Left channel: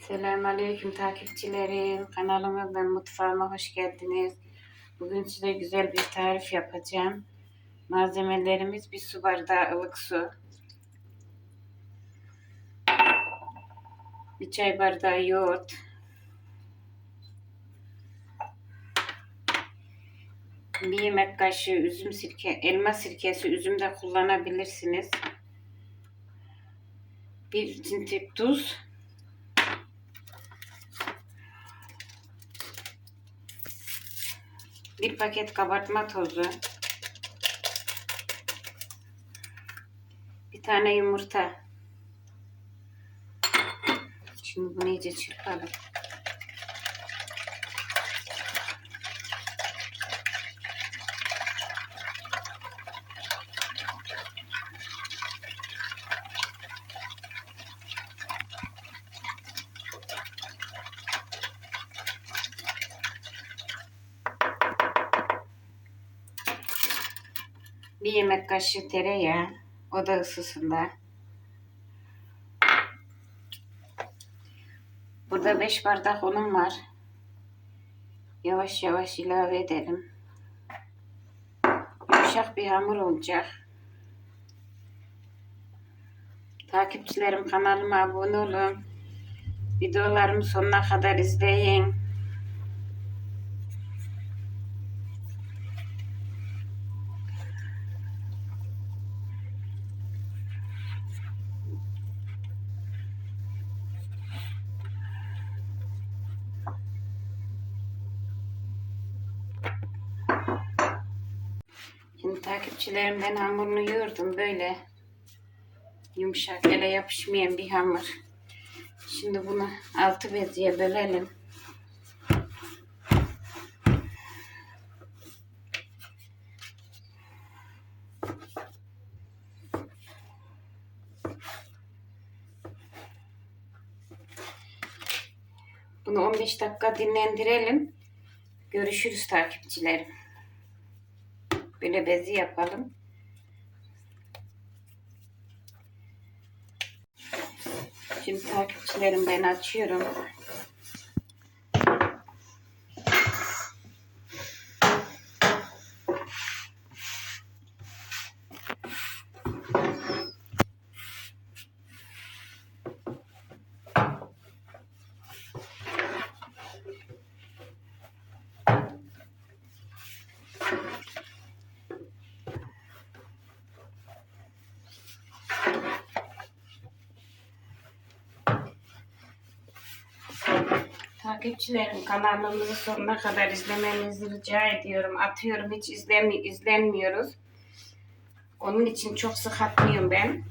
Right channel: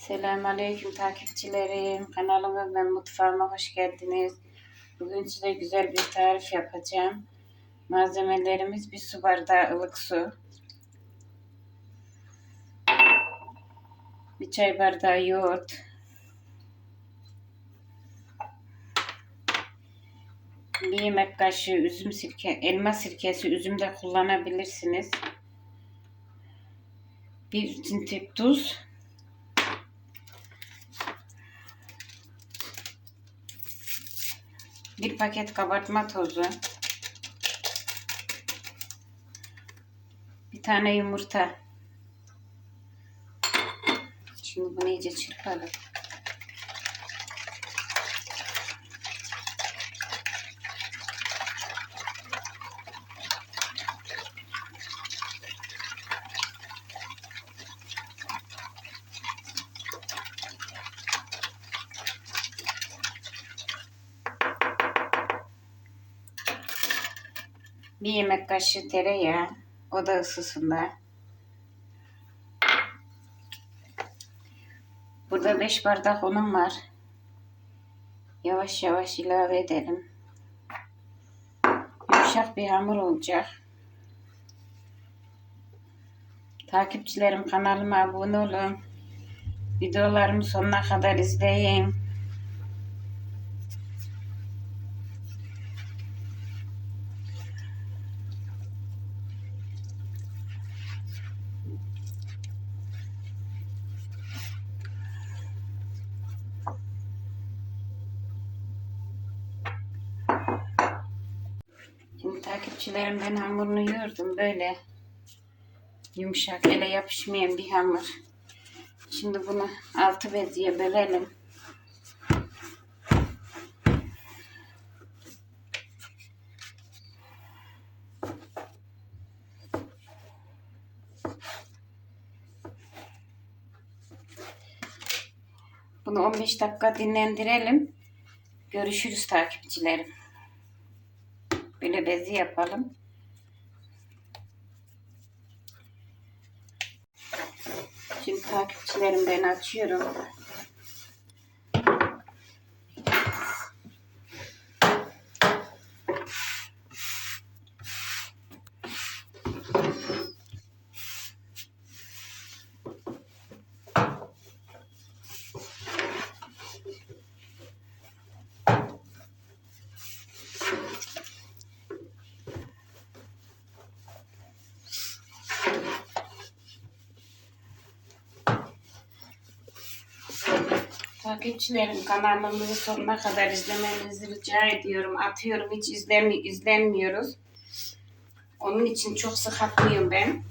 Selamünaleyküm takipçilerim. Kanalıma ve mutfağıma hoş geldiniz. Bugün size güzel bir tarif yapacağım. Malzemelerimiz bir su bardağı ılık su. Bir çay bardağı yoğurt. Bir yemek kaşığı üzüm sirke, elma sirkesi üzüm de kullanabilirsiniz. Bir tintip tuz. Bir paket kabartma tozu. Bir tane yumurta. Şimdi bunu iyice çırpalım. Bir yemek kaşığı tereyağı. O da ısısında. Burada 5 bardak unum var. Yavaş yavaş ilave edelim. Yumuşak bir hamur olacak. Takipçilerim kanalıma abone olun. Videolarımı sonuna kadar izleyin. Şimdi takipçilerim ben hamurunu yoğurdum böyle yumuşak ele yapışmayan bir hamur. Şimdi bunu altı beziye bölelim. Bunu 15 dakika dinlendirelim. Görüşürüz takipçilerim. Böyle bezi yapalım. Şimdi takipçilerim ben açıyorum. Takipçilerim kanalımızı sonuna kadar izlemenizi rica ediyorum. Atıyorum hiç izlemi izlenmiyoruz. Onun için çok sık atmıyorum ben.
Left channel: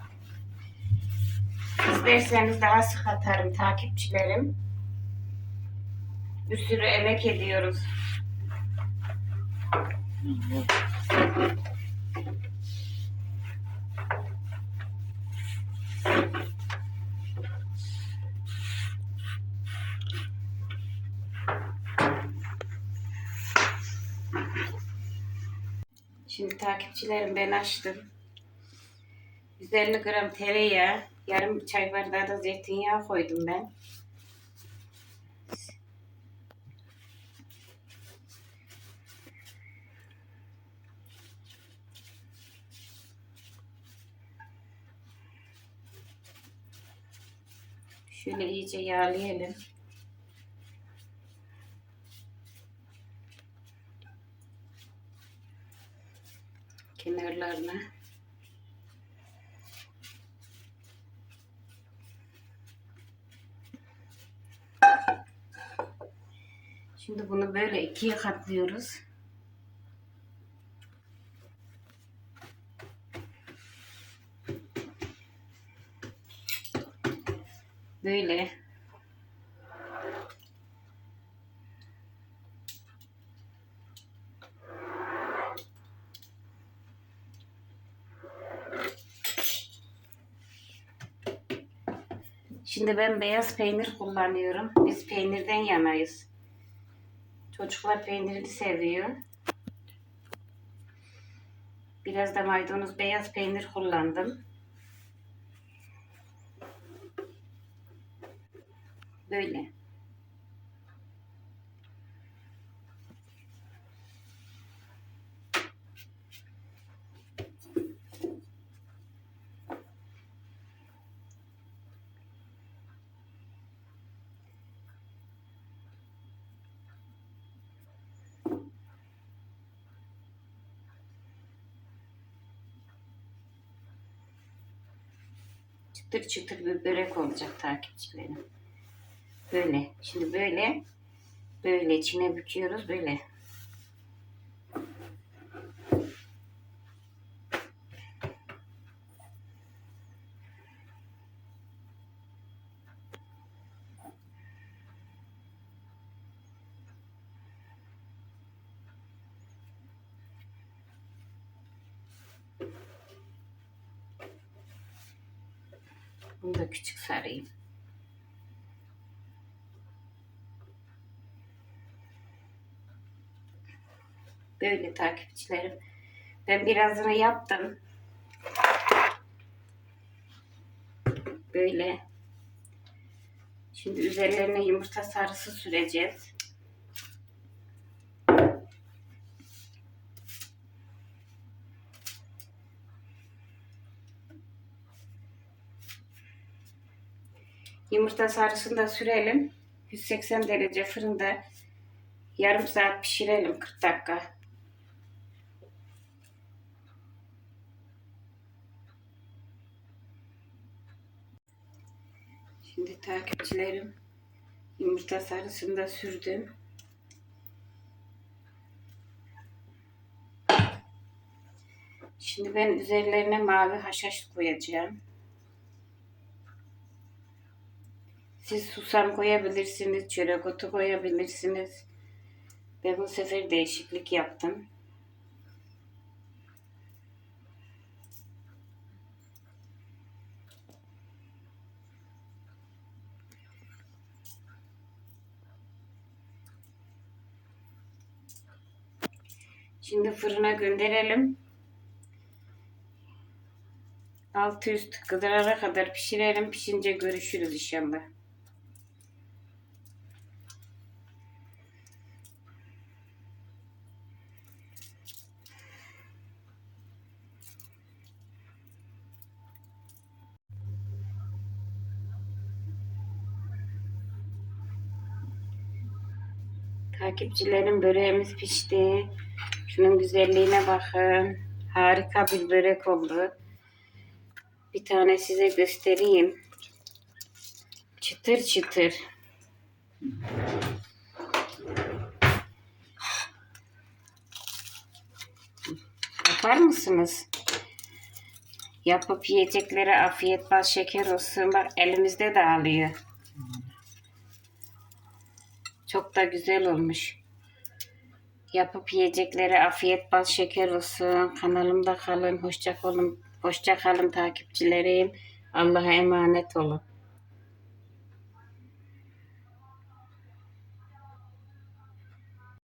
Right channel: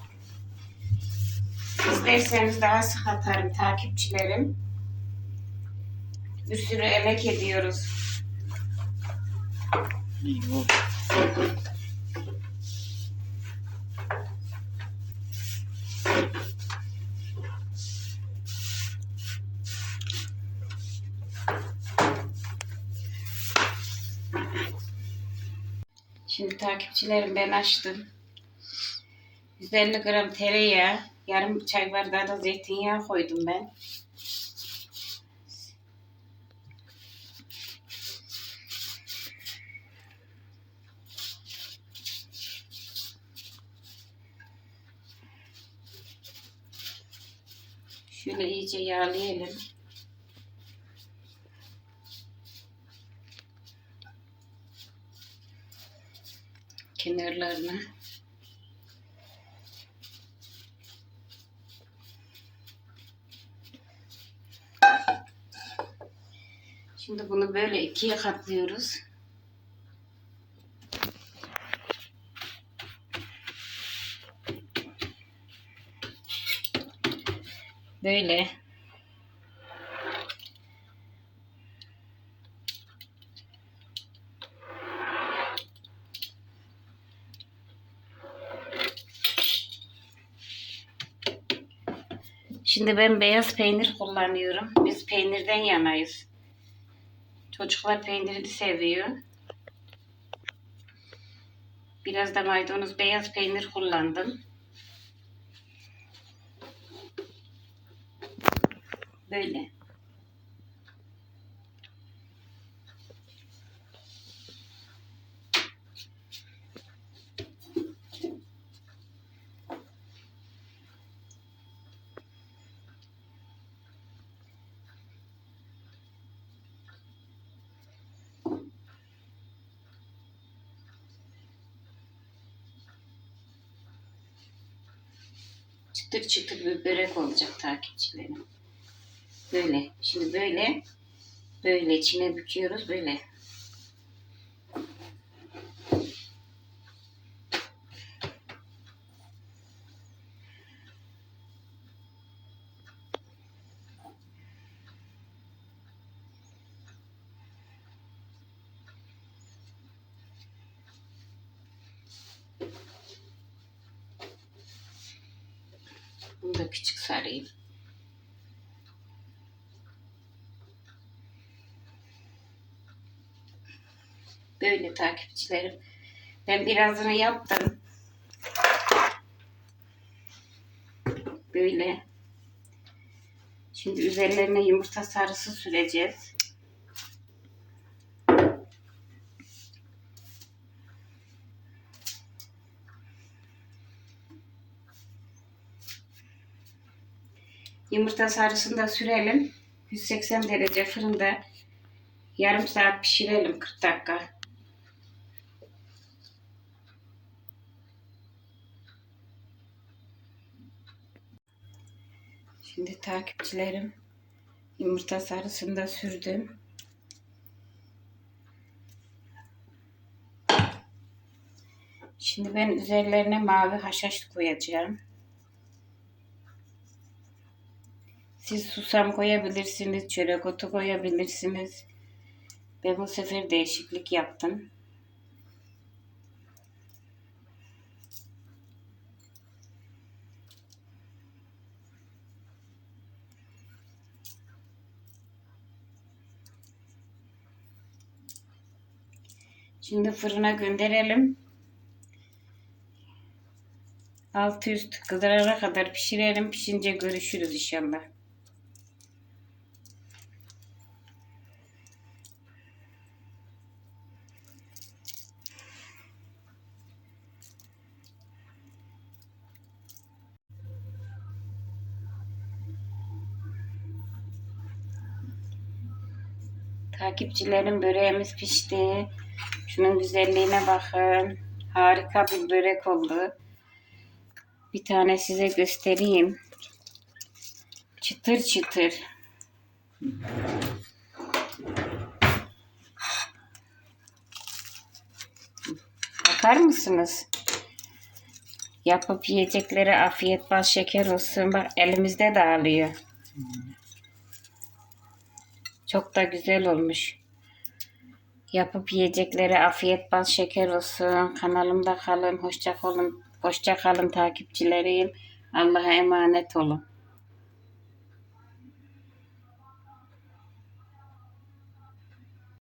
İsterseniz daha sık atarım takipçilerim. Bir sürü emek ediyoruz. Şimdi takipçilerim ben açtım. 150 gram tereyağı, yarım çay bardağı da zeytinyağı koydum ben. Şöyle iyice yağlayalım. Kenarlarını. Şimdi bunu böyle ikiye katlıyoruz. Böyle. Şimdi ben beyaz peynir kullanıyorum. Biz peynirden yanayız. Çocuklar peyniri seviyor. Biraz da maydanoz beyaz peynir kullandım. Böyle. Çıtır çıtır bir börek olacak takipçilerim. Böyle. Şimdi böyle böyle içine büküyoruz böyle. Bunu da küçük sarayım. Böyle takipçilerim. Ben birazını yaptım. Böyle. Şimdi üzerlerine yumurta sarısı süreceğiz. Yumurta sarısını da sürelim. 180 derece fırında yarım saat pişirelim 40 dakika. Şimdi takipçilerim yumurta sarısını da sürdüm. Şimdi ben üzerlerine mavi haşhaş koyacağım. Siz susam koyabilirsiniz, çörek otu koyabilirsiniz. Ben bu sefer değişiklik yaptım. Şimdi fırına gönderelim. Altı üst kızarana kadar pişirelim. Pişince görüşürüz inşallah. Takipçilerim böreğimiz pişti. Şunun güzelliğine bakın. Harika bir börek oldu. Bir tane size göstereyim. Çıtır çıtır. Bakar mısınız? Yapıp yiyeceklere afiyet bal şeker olsun. Bak elimizde dağılıyor. Çok da güzel olmuş. Yapıp yiyeceklere afiyet bal şeker olsun. Kanalımda kalın. Hoşça kalın. Hoşça kalın takipçilerim. Allah'a emanet olun.